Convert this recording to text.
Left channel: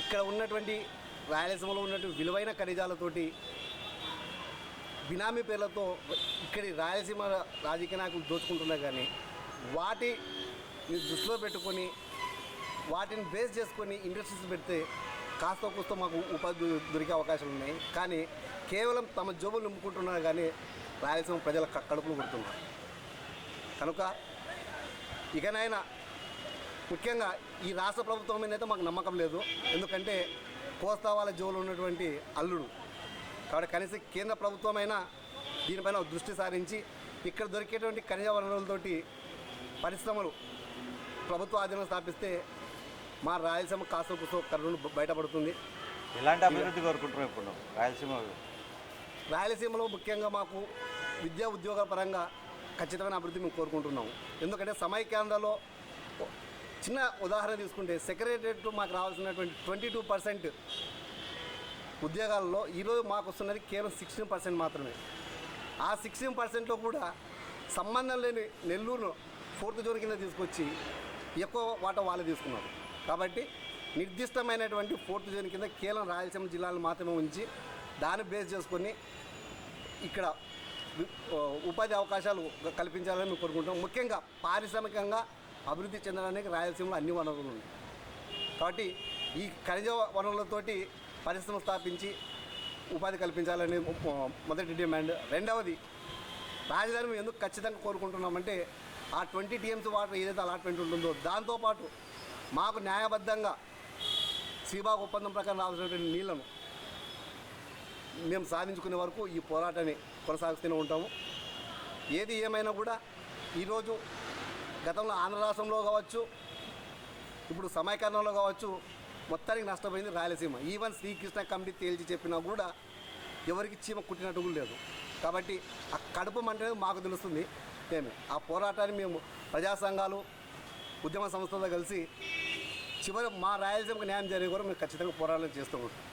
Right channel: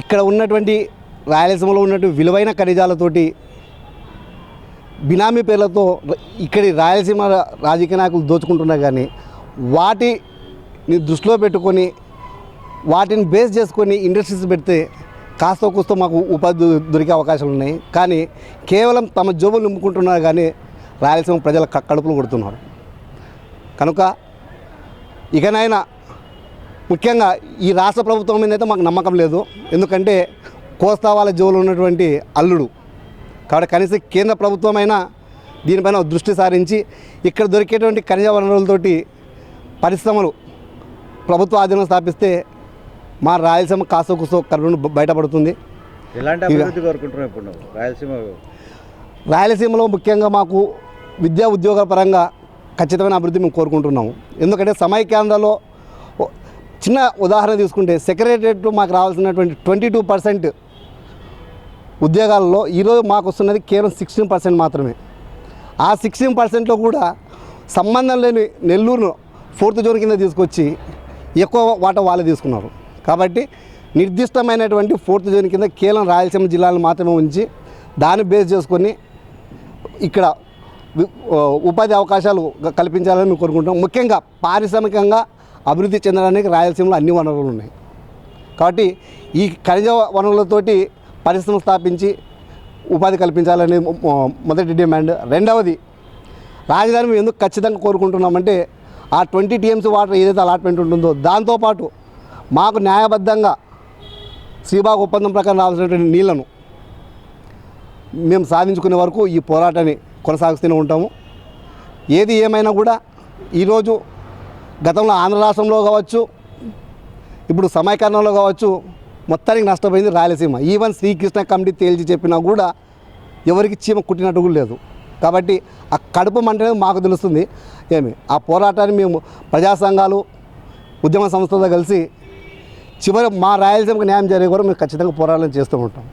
ఇక్కడ ఉన్నటువంటి రాయలసీమలో ఉన్నటువంటి విలువైన ఖనిజాలతోటి బినామీ పేర్లతో ఇక్కడి రాయలసీమ రాజకీయ నాయకులు దోచుకుంటున్నారు. కానీ వాటిని దృష్టిలో పెట్టుకొని వాటిని బేస్ చేసుకొని ఇండస్ట్రీస్ పెడితే కాస్త కూస్తో మాకు ఉపాధి దొరికే అవకాశాలు ఉన్నాయి. కానీ కేవలం తమ జోబులు నింపుకుంటున్నారు, కానీ రాయలసీమ ప్రజల కడుపులు కొడుతున్నారు. కనుక ఇకనైనా ముఖ్యంగా ఈ రాష్ట్ర ప్రభుత్వం మీద అయితే మాకు నమ్మకం లేదు. ఎందుకంటే కోస్తా వాళ్ళ జోబులు ఉన్నటువంటి అల్లుడు కాబట్టి కనీసం కేంద్ర ప్రభుత్వమైనా దీనిపైన దృష్టి సారించి ఇక్కడ దొరికేటువంటి ఖనిజ వనరులతోటి పరిశ్రమలు ప్రభుత్వ ఆధీనం స్థాపిస్తే మా రాయలసీమ కాస్త కూస్తో కరుణ బయటపడుతుంది. ఎలాంటి అభివృద్ధి కోరుకుంటున్నాం ఇప్పుడు రాయలసీమలో ముఖ్యంగా మాకు విద్యా ఉద్యోగాల పరంగా ఖచ్చితమైన అభివృద్ధి మేము కోరుకుంటున్నాము. ఎందుకంటే సమైక్యాంధ్రలో చిన్న ఉదాహరణ తీసుకుంటే సెక్రటరియట్ మాకు రావాల్సినటువంటి 22% ఉద్యోగాల్లో ఈరోజు మాకు వస్తున్నది కేవలం 16% మాత్రమే. ఆ 16%లో కూడా సంబంధం లేని నెల్లూరును 4th జోన్ కింద తీసుకొచ్చి ఎక్కువ వాటా వాళ్ళే తీసుకున్నారు. కాబట్టి నిర్దిష్టమైనటువంటి 4th జోన్ కింద కేవలం రాయలసీమ జిల్లాలను మాత్రమే ఉంచి దాన్ని బేస్ చేసుకొని ఇక్కడ ఉపాధి అవకాశాలు కల్పించాలని మేము కోరుకుంటాం. ముఖ్యంగా పారిశ్రామికంగా అభివృద్ధి చెందడానికి రాయలసీమలో అన్ని వనరులు ఉన్నాయి. కాబట్టి ఈ ఖనిజ వనరులతోటి పరిశ్రమ స్థాపించి ఉపాధి కల్పించాలని మొదటి డిమాండ్. రెండవది రాజధాని మేము ఎందుకు ఖచ్చితంగా కోరుకుంటున్నామంటే ఆ 20 TMC వాటర్ ఏదైతే అలాట్మెంట్ ఉంటుందో దాంతోపాటు మాకు న్యాయబద్ధంగా శ్రీబాగ్ ఒప్పందం ప్రకారం రావాల్సినటువంటి నీళ్లను మేము సాధించుకునే వరకు ఈ పోరాటాన్ని కొనసాగిస్తూనే ఉంటాము. ఏది ఏమైనా కూడా ఈరోజు గతంలో ఆంధ్ర రాష్ట్రంలో కావచ్చు, ఇప్పుడు సమైకరణలో కావచ్చు, మొత్తానికి నష్టపోయింది రాయలసీమ. ఈవెన్ శ్రీకృష్ణ కమిటీ తేల్చి చెప్పినా కూడా ఎవరికి చీమ కుట్టినట్టు కూడా లేదు. కాబట్టి ఆ కడుపు మంటనే మాకు తెలుస్తుంది. ఆ పోరాటాన్ని మేము ప్రజా సంఘాలు ఉద్యమ సంస్థలతో కలిసి చివరి మా రాయలసీమకు న్యాయం జరిగే వరకు మేము ఖచ్చితంగా పోరాటం చేస్తూ ఉంటాం.